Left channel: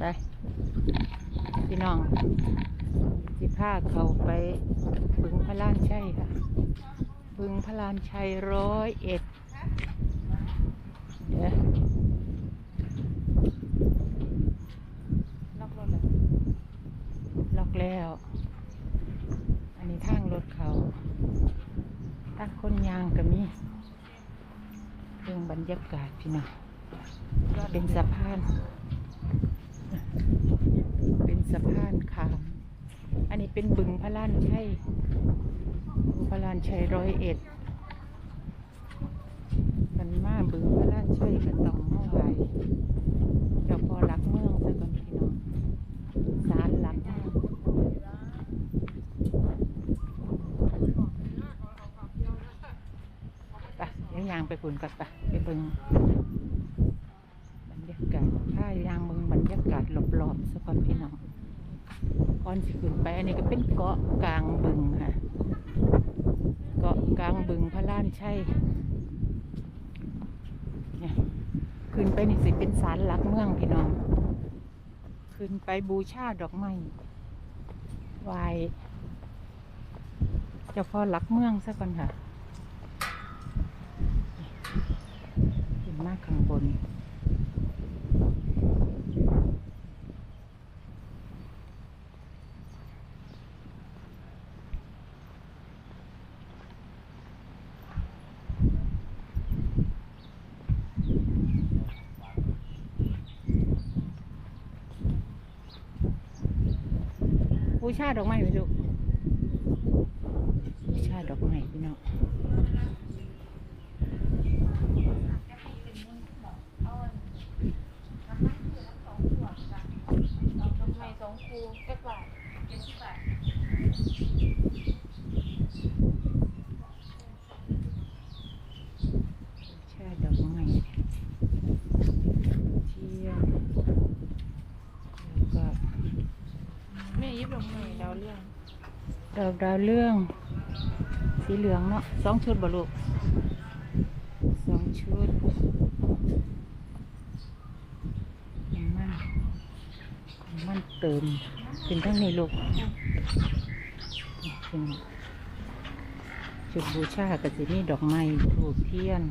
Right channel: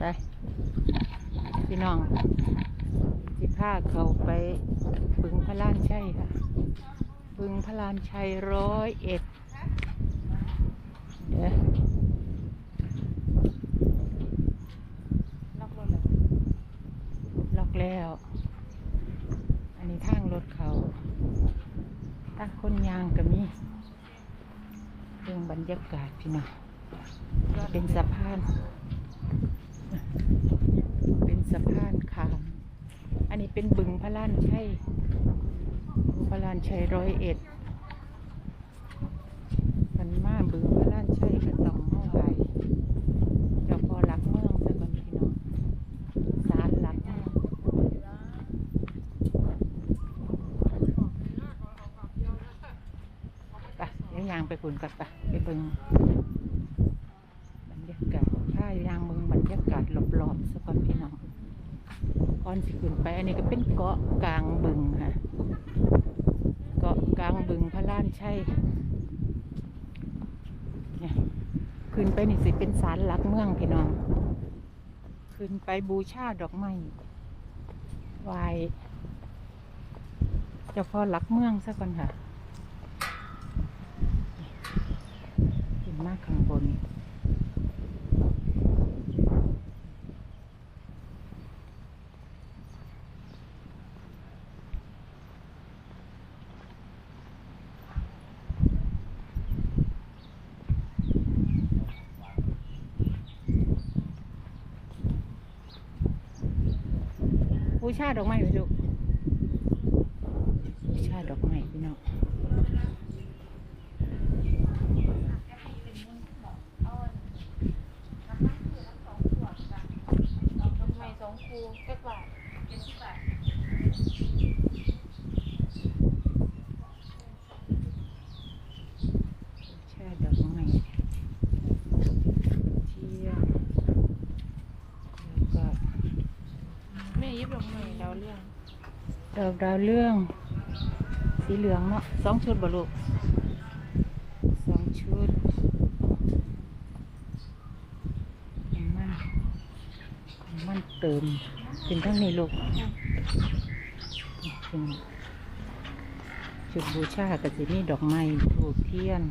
ไป พี่น้องสิพาเขาไปบึงพระลานชัยค่ะ บึงพระลานชัยร้อยเอ็ดเดี๋ยวล็อกแล้ว อันนี้ทางรถเขาทางคนยางก็มีเรื่องบรรยากาศพี่น้องเป็นสะพาน เป็นสะพานขาม อันนี้เป็นบึงพระลานชัยพระลานชัยร้อยเอ็ดกันมาบึงพระลานชัยกับต้องมาไหวเจ้าพ่อรักเมืองซะก่อนพี่น้องศาลหลักเมืองไปเดี๋ยางไปคุนกันไปไปบึงบรรยากาศถ้ายาง ยากาศรอบๆซะก่อนพี่น้องก่อนสิขึ้นไป อันนี้ก็เป็นเกาะกลางบึงค่ะ เกาะกลางบึงพระลานชัยเนี่ยขึ้นไปนี่สิเป็นศาลหลักเมืองพี่น้อง ขึ้นไปบูชาดอกไม้ไหวเจ้าพ่อหลักเมืองซะก่อนค่ะ ขึ้นมาข้างบน บูชาดอกไม้ไหมลูกบูชาดอกไม้พี่น้องสองครูเจ็ดบาทเจ็ดสิบบาท บูชาดอกไม้เทียนแล้วก็ นี่ยี่ลงหนึ่ง ดาวเรื่องดอกดาวเรื่อง สีเหลืองเนาะสองชุดบ่ลูกสองชุดน้ำมันน้ำมันเติมเป็นทั้งนี้ลูกเป็นจุดบูชากับสินี่ดอกไม้ถูกเทียน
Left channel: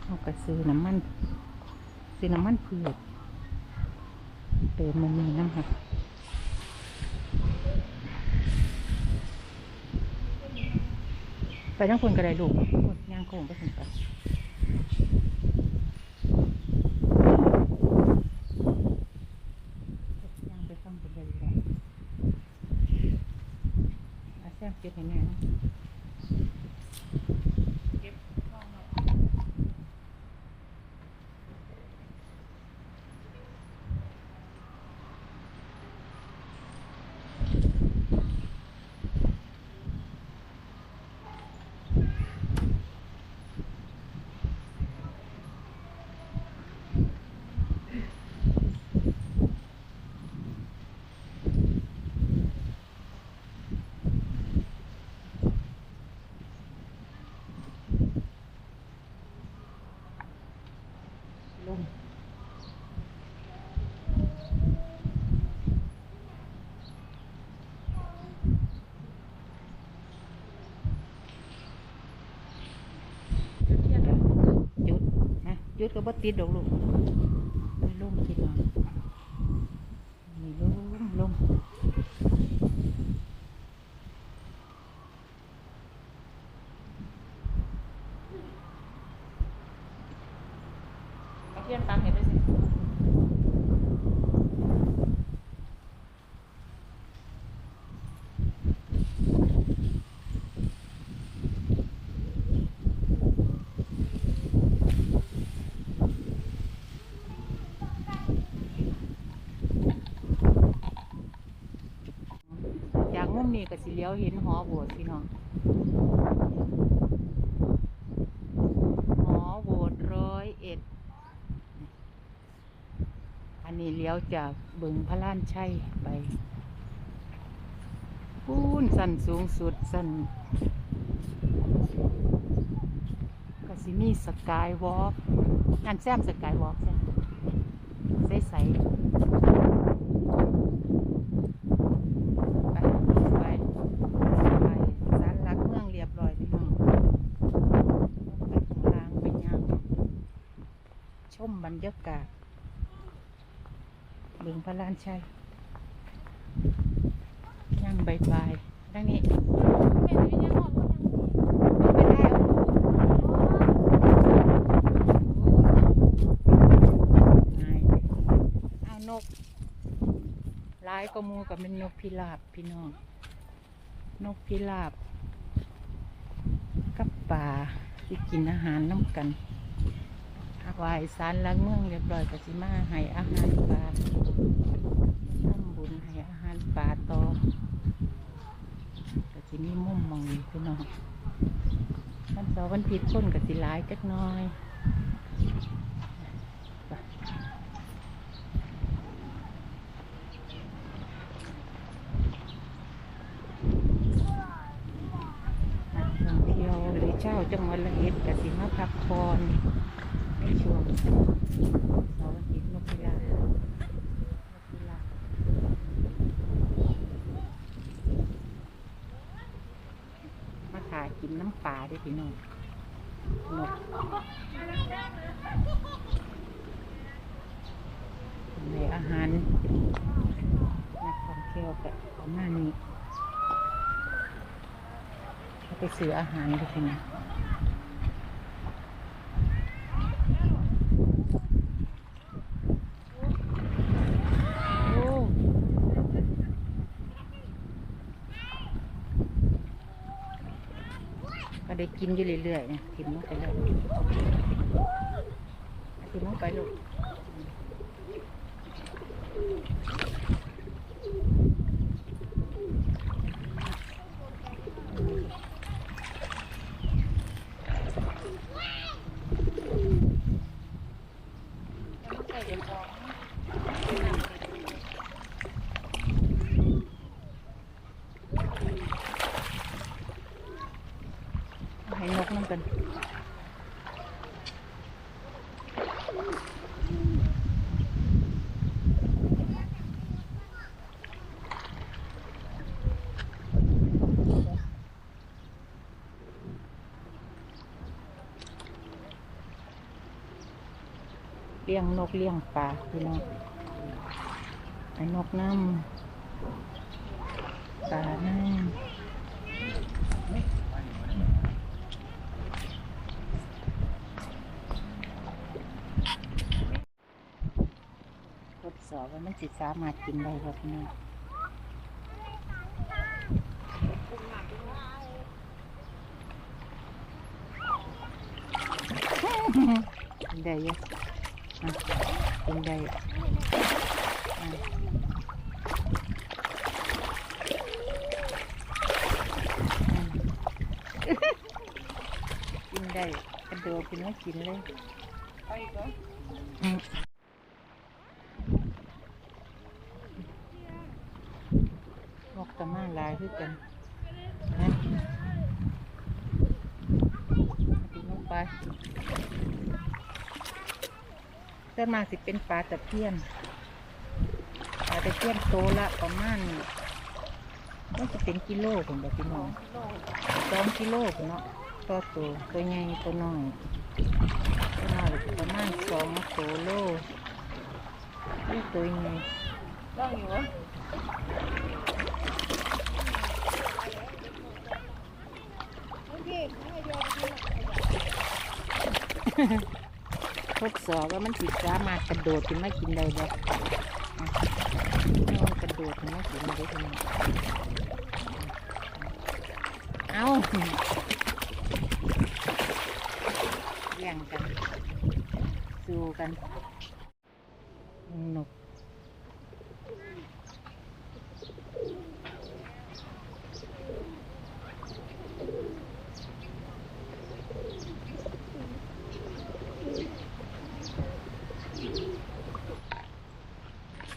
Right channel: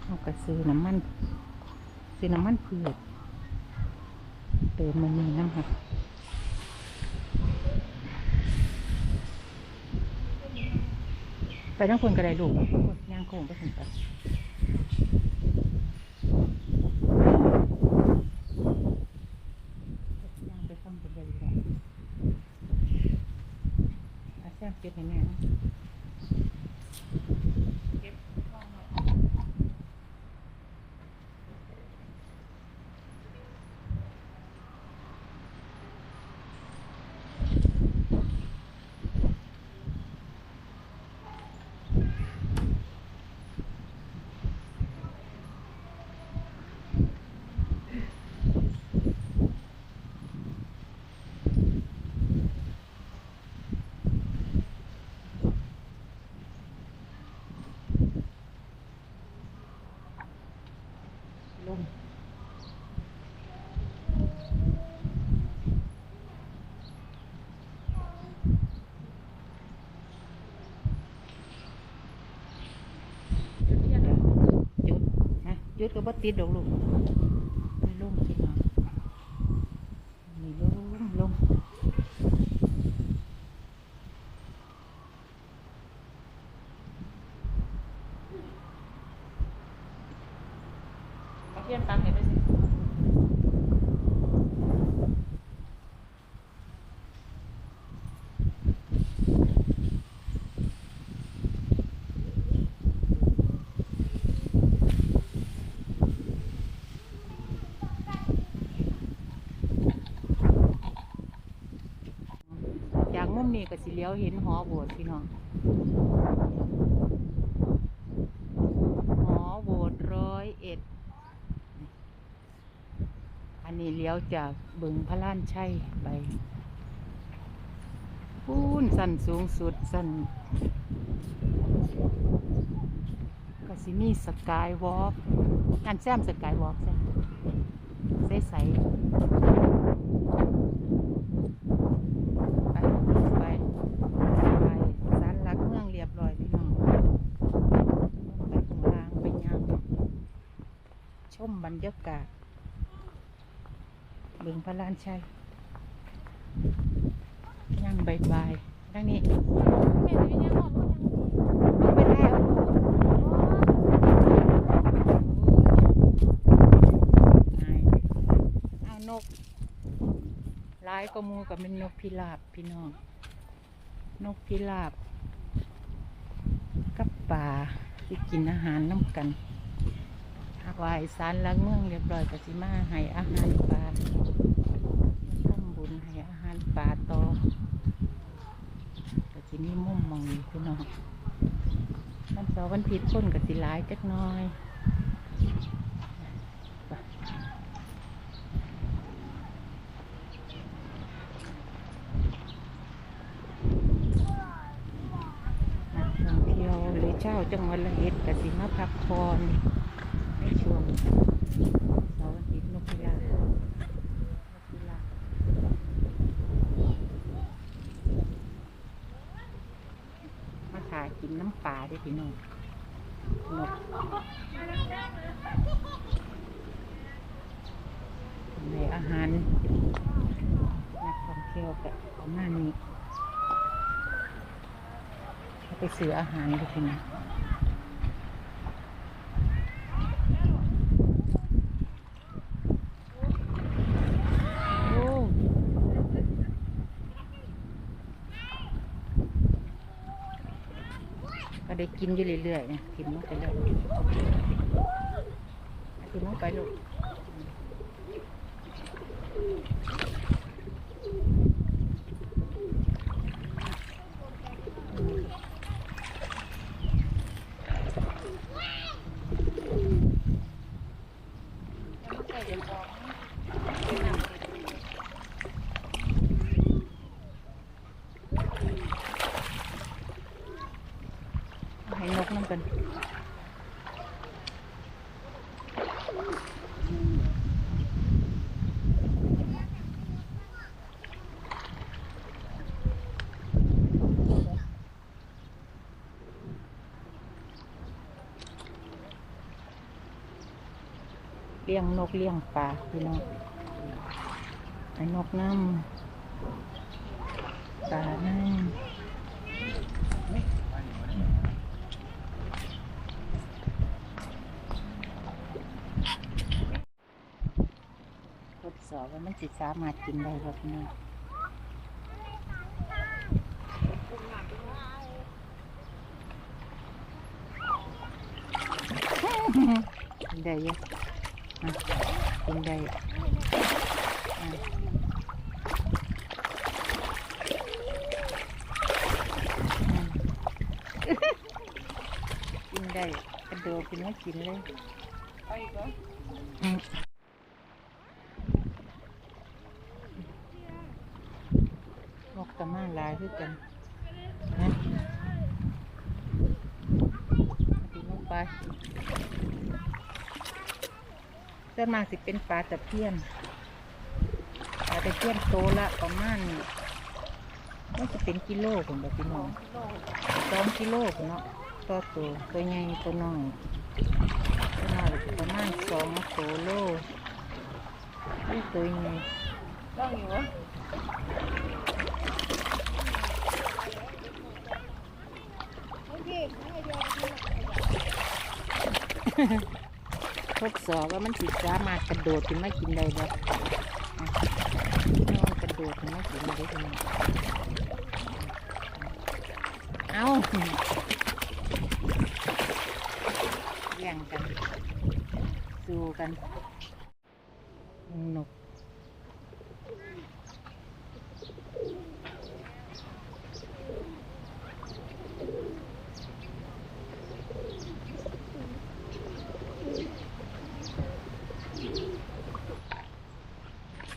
เขาก็ซื้อน้ำมันซื้อน้ำมันเพืชเติมมันนี่น้ำค่ะ ไป ทั้งคนกระได้ลูกย่างโค้งไปถึงไปย่างไปฟังไปเลยแหละอแซมเก็บให้แม่นะลงจุดนะจุดก็ บ่ติดดอกลูกไปลงคิดเอานี่ลงลงเอาเทียนตังให้ไปสิ จาก มนี้ก็สิเลี้ยวเห็นหอโบสถ์พี่น้องหอโบสถ์ร้อยเอ็ดอันนี้เลี้ยวจากบึงพระล้านชัยไปพูนสั้นสูงสุดสั้นก็สิมีสกายวอล์กนั่นแซมสกายวอล์กแซมใสใสๆ ไปไปไปสารหลักเมืองเรียบร้อยพี่น้องไปข้างล่างไปย่างชมบรรยากาศเบึงพระลานชัยย่างบายบายๆดังนี้ไปแลายกหลายก็มูกับเป็นนกพิราบพี่น้อง นกพิราบ กับป่าที่กินอาหารน้ำกันหากวายสารหลังเมืองเรียบร้อยก็สิมาให้อาหารปลาทำบุญให้อาหารปลาต่อก็สิมีมุมมองพี่น้องวันเสาร์วันผิดคนก็สิหลายจักหน้อยไปนักท่องเที่ยวหรือ เจ้าจังหวัดละเอ็ดก็สิมาพักผ่อนในช่วงเสาร์อาทิตย์นกพิราบนกพิราบมาถ่ายกินน้ำปลาได้พี่น้องนกในอาหารนักท่องเที่ยวกับประมาณนี้ ไปซื้ออาหารด้วยพี่น้งโอ้ก็ได้กินอยู่เรื่อยๆเนี่ยทิมลงไปเลยทิมลงไปลูกให้นกน้ำกันเลี้ยงนกเลี้ยงปลาพี่น้องไอ้นกน้ำปลาน้ำทดสอบว่ามันสิสามารถกินได้บ่พี่น้องได้ยอะอะ กินได้อะอืมกินได้กระโดดกินแล้วกินเลยไปอีกเหรออืมนกกระมาหลายคือกันนะตีนกไป ส่วนมากสิเป็นปลาตะเพียนปลาตะเพียนโตละประมาณมันจะเป็นกิโลผมบอกพี่น้องสองกิโลเนาะตัวโตตัวใหญ่ตัวน้อยตัวน้อยประมาณสองโตโลนี่ตัวใหญ่ต้องอยู่เหรอ ทดสอบว่ามันสิสามารถกระโดดขึ้นมากินได้บ่อะกระโดดขึ้นมากินได้ทีนี้เอาแย่งกัน สู้กันนก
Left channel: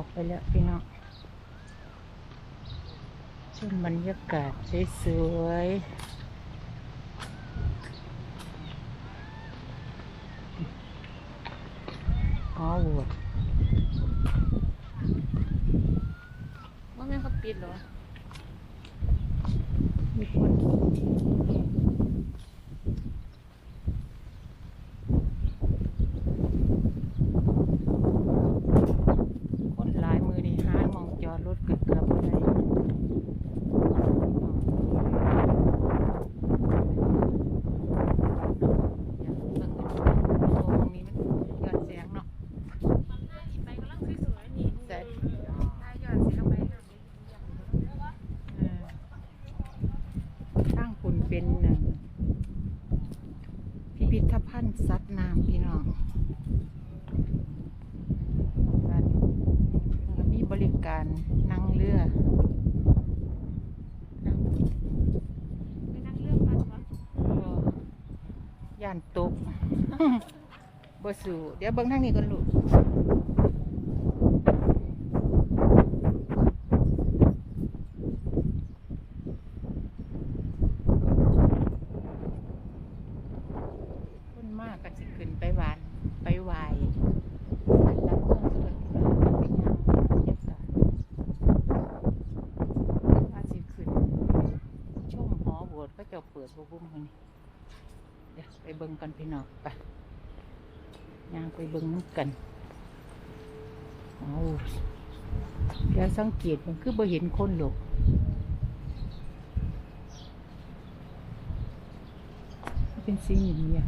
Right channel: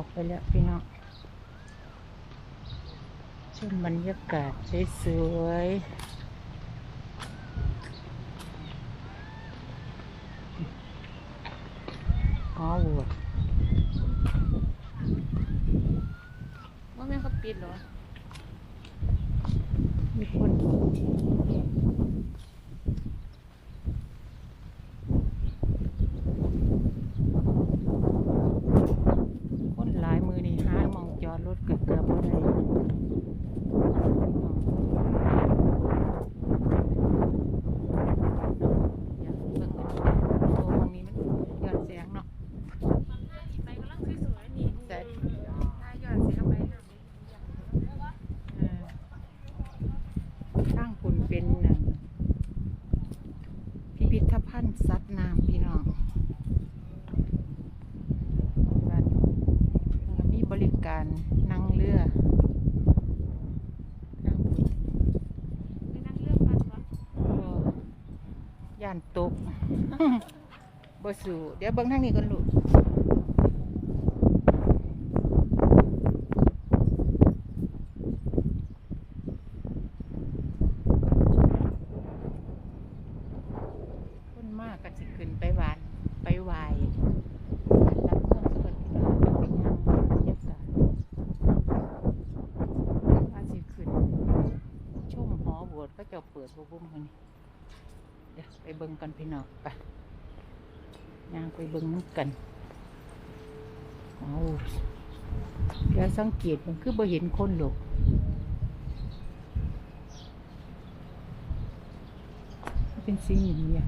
ออกไปแล้วพี่น้องชมบรรยากาศสวยๆหอวดว่าแม่เขาปิดเหรอมีคน ย่านตกบ่สู่เดี๋ยวเบิ่งทางนี้ก่อนลูกคนมากก็สิขึ้นไปหวาน ไปไวายกาศว่าสิขึ้นชมหอโบสถ์ก็จะเปิดบุ้มกันนี่ ดี๋ยวไปเบิ่งกันพี่น้องไปย่างไปเบิ่งน้ำกันเอาเดี๋ยวสังเกตมันคือบ่เห็นคนหรอกเป็นสีเงีย